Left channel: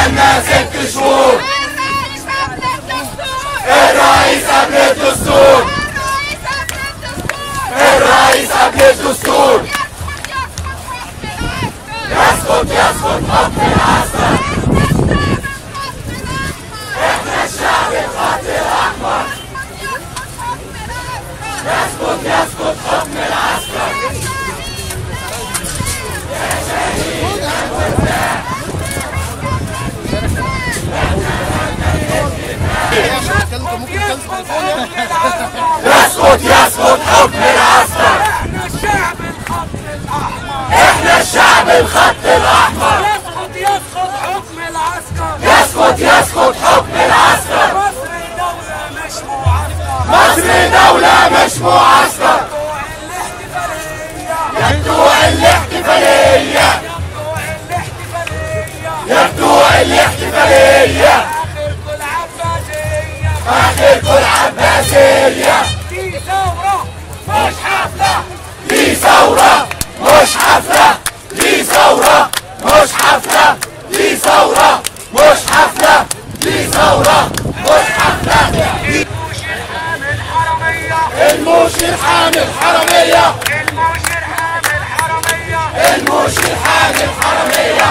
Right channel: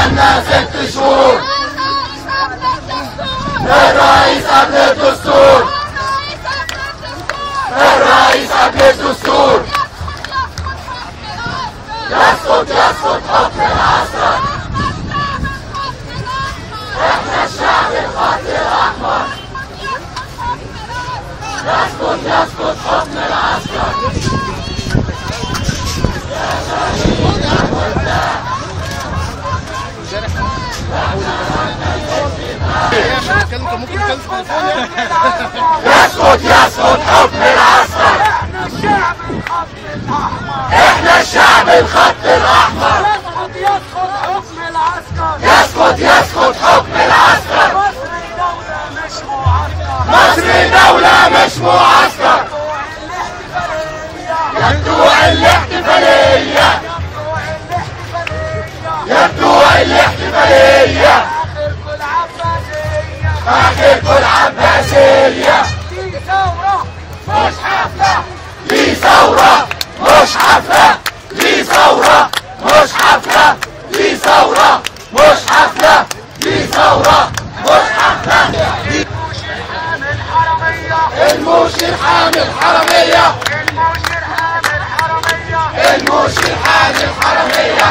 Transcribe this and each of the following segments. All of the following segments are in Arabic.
بقالنا 6 شهور. الرئيس قبل الدستور. الرئيس قبل الدستور. يسقط يسقط حكم العسكر. احنا الشعب الخط الاحمر. يسقط يسقط حكم العسكر. يا شهيد يا مرتاح. يسقط يسقط حكم العسكر. احنا الشعب الخط الاحمر. احنا الشعب الخط الاحمر. يسقط يسقط حكم العسكر. يسقط يسقط حكم العسكر. مصر دولة مش معسكر. مصر دولة مش معسكر. يبدو الاحتفالية. يبدو الاحتفالية. آخركم العباسية. دي ثورة مش حفلة. دي ثورة مش حفلة. دي ثورة مش حفلة. دي ثورة مش حفلة. دي ثورة مش حفلة. الموشي حامل حرامية. الموشي حامل حرامية. الموشي حامل حرامية.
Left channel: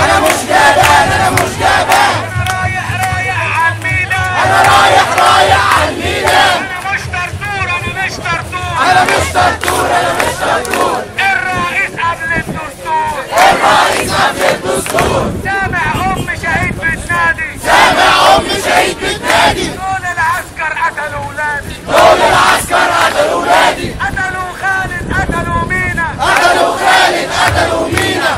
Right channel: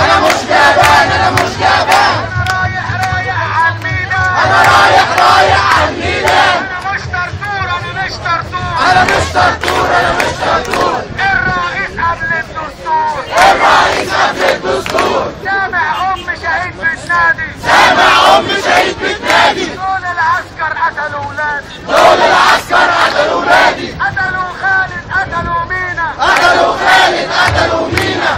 أنا مش جبان. أنا مش جبان. أنا رايح على الميدان. أنا رايح على الميدان. أنا مش طرطور. أنا مش طرطور. الرئيس قبل الدستور. الرئيس قبل الدستور. سامع أم شهيد بتنادي. سامع أم شهيد بتنادي. دول العسكر قتلوا ولادي. دول العسكر قتلوا ولادي. قتلوا خالد قتلوا مينا. قتلوا خالد قتلوا مينا.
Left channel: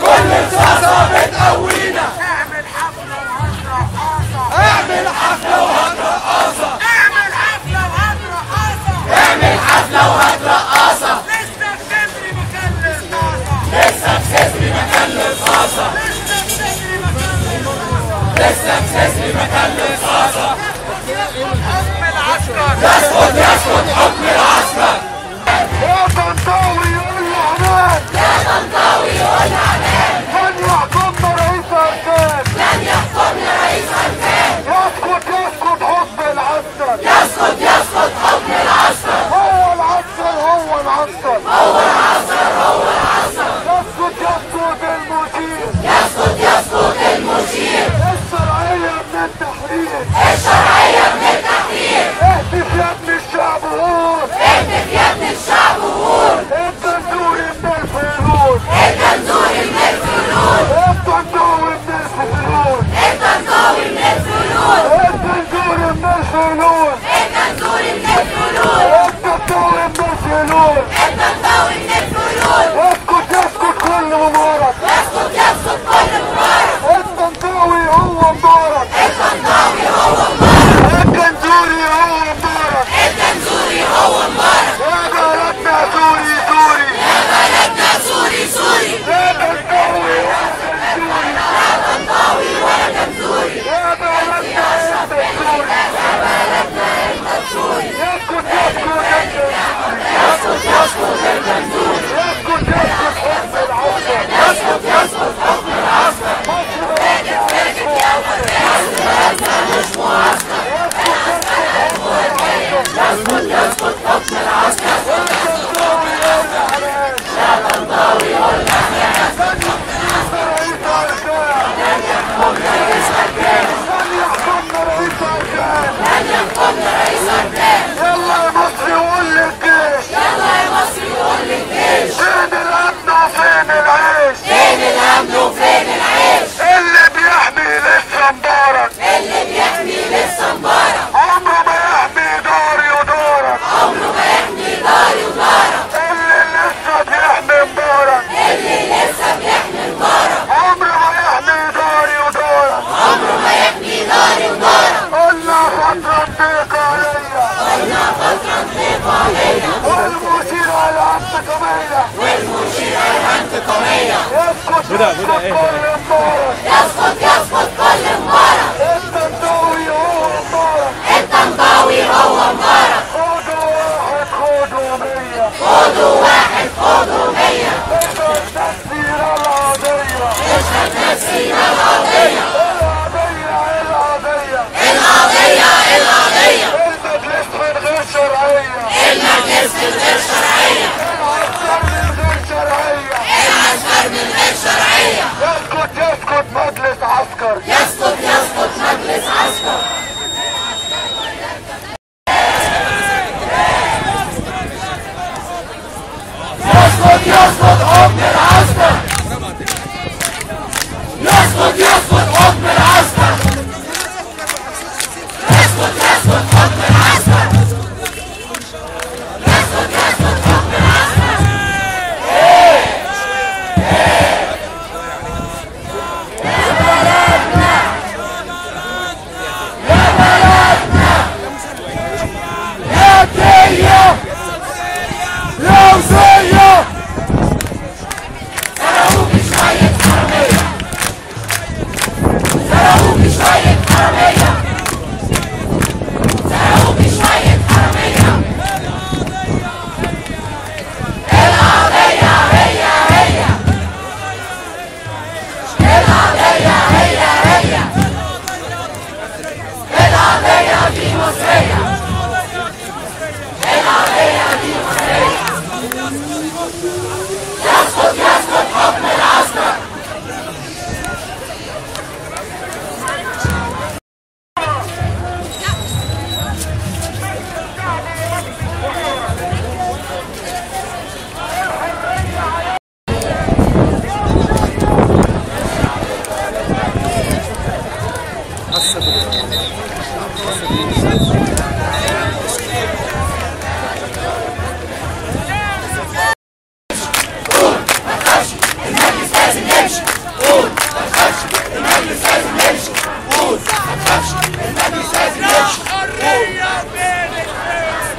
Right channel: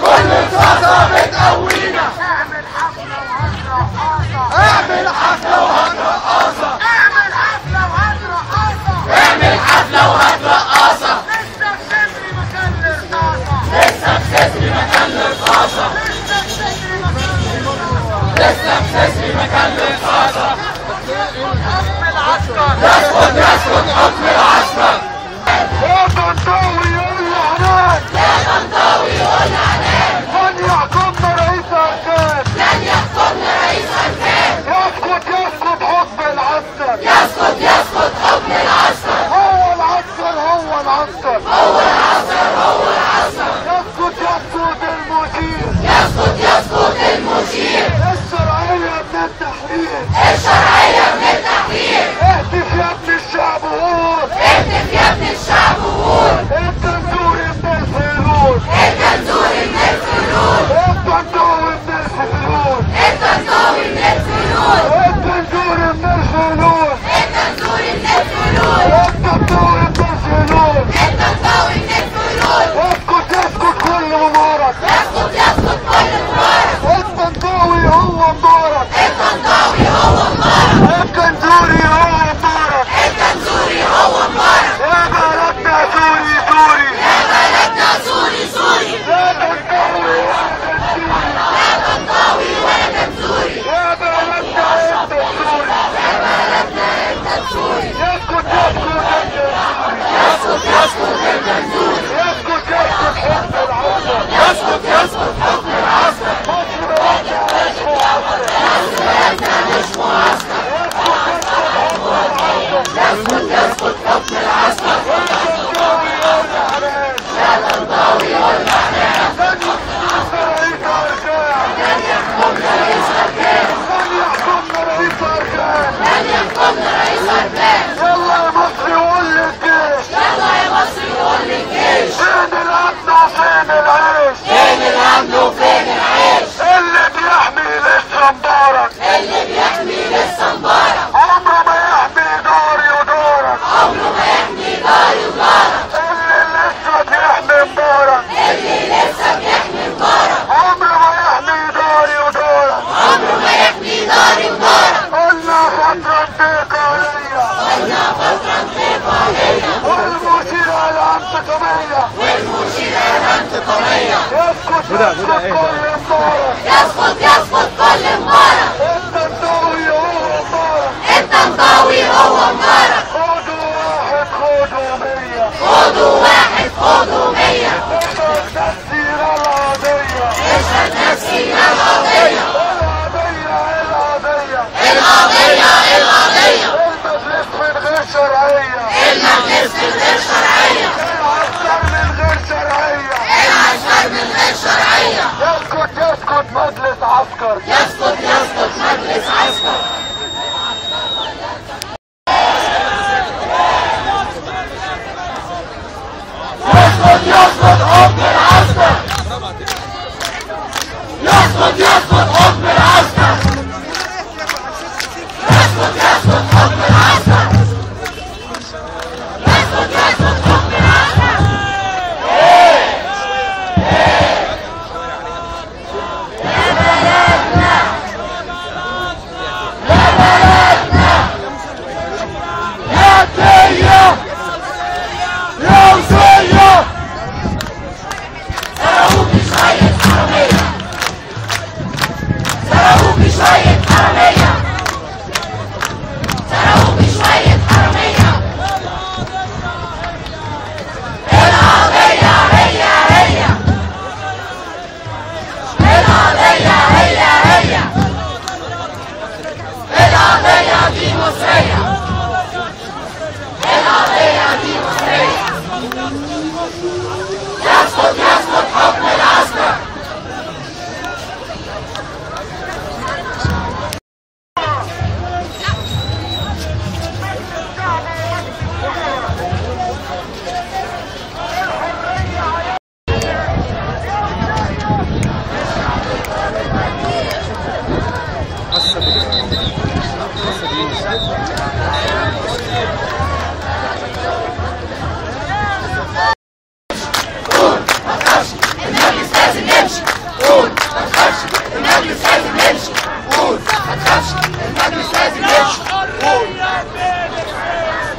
كل رصاصة كل بتقوينا. رصاصة بتقوينا. اعمل حفلة وهات رقاصة. اعمل حفلة وهات رقاصة. اعمل حفلة وهات رقاصة. اعمل حفلة وهات رقاصة. لسه بتبني مكان الرصاصة. لسه بسسري مكان الرصاصة. لسه بسسري مكان الرصاصة. يسقط يسقط حكم العسكر. يا طنطاوي يقول عنان. يا طنطاوي يقول عنان. من يحكمنا رئيس أركان. لن يحكمنا رئيس أركان. يسقط يسقط حكم العسكر. يسقط يسقط حكم العسكر. هو العسكر هو العسكر. هو العسكر هو العسكر. يسقط يسقط المشير. يسقط يسقط المشير. الشرعية من التحرير. الشرعية من التحرير. اهتف يا ابن الشعب وقول. اهتف يا ابن الشعب وقول. الجنزوري من الفيلول. الجنزوري من الفلول. الطنطاوي من الفيلول. الطنطاوي من الفلول. الجنزوري من الفيلول. الجنزوري من الفلول. الطنطاوي من الفيلول. الطنطاوي من الفلول. يسقط يسقط كل مبارك. يسقط يسقط كل مبارك. الطنطاوي هو مبارك. الطنطاوي هو مبارك. الجنزوري هو مبارك. الجنزوري هو مبارك. يا بلدنا سوري سوري. يا بلدنا سوري سوري. يا طنطاوي لا طنطاوي ولا جنزوري. يا بلدنا انت سوري. يا بلدنا انت سوري. يسقط يسقط يسقط يسقط الجنزوري. يسقط يسقط حكم العسكر. يسقط يسقط حكم العسكر. بلدنا مش معسكر. يسقط يسقط حكم العسكر. لا طنطاوي ولا عنان. لن يحكمنا رئيس أركان. لن يحكمنا رئيس أركان. والله مصر يقول للجيش. يلا يا مصر قول للجيش. فين الامن وفين العيش. فين الأمن وفين العيش. اللي بيحمي لسه مبارك. اللي بيحمي لسه مبارك. عمره ما يحمي داري ودارك. عمره ما يحمي داري ودارك. اللي لسه بيحمي مبارك. اللي لسه بيحمي مبارك. عمره ما يحمي داري ودارك. عمره ما يحمي داري ودارك. قلنا فترة انتقالية. قلنا فترة انتقالية. والمشيرة الانتقامية. والمشيرة الانتقامية. يسقط يسقط كل مبارك. الطنطاوي هو مبارك. الطنطاوي هو مبارك. خدوا واحد خدوا 100. خدوا واحد خدوا 100. السياسة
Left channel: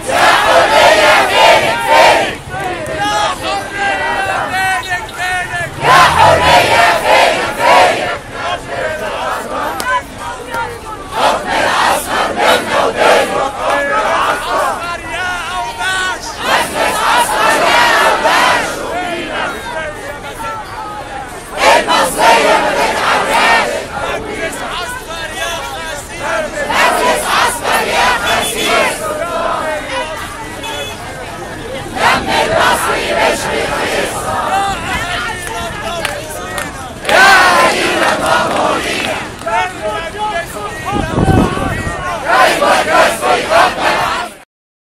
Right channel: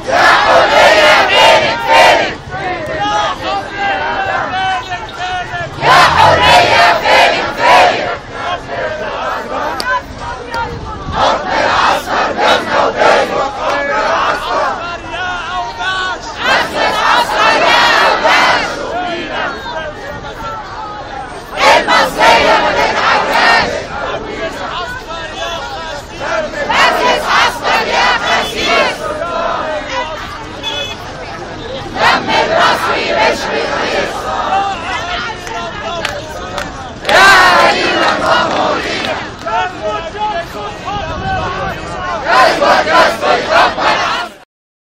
يا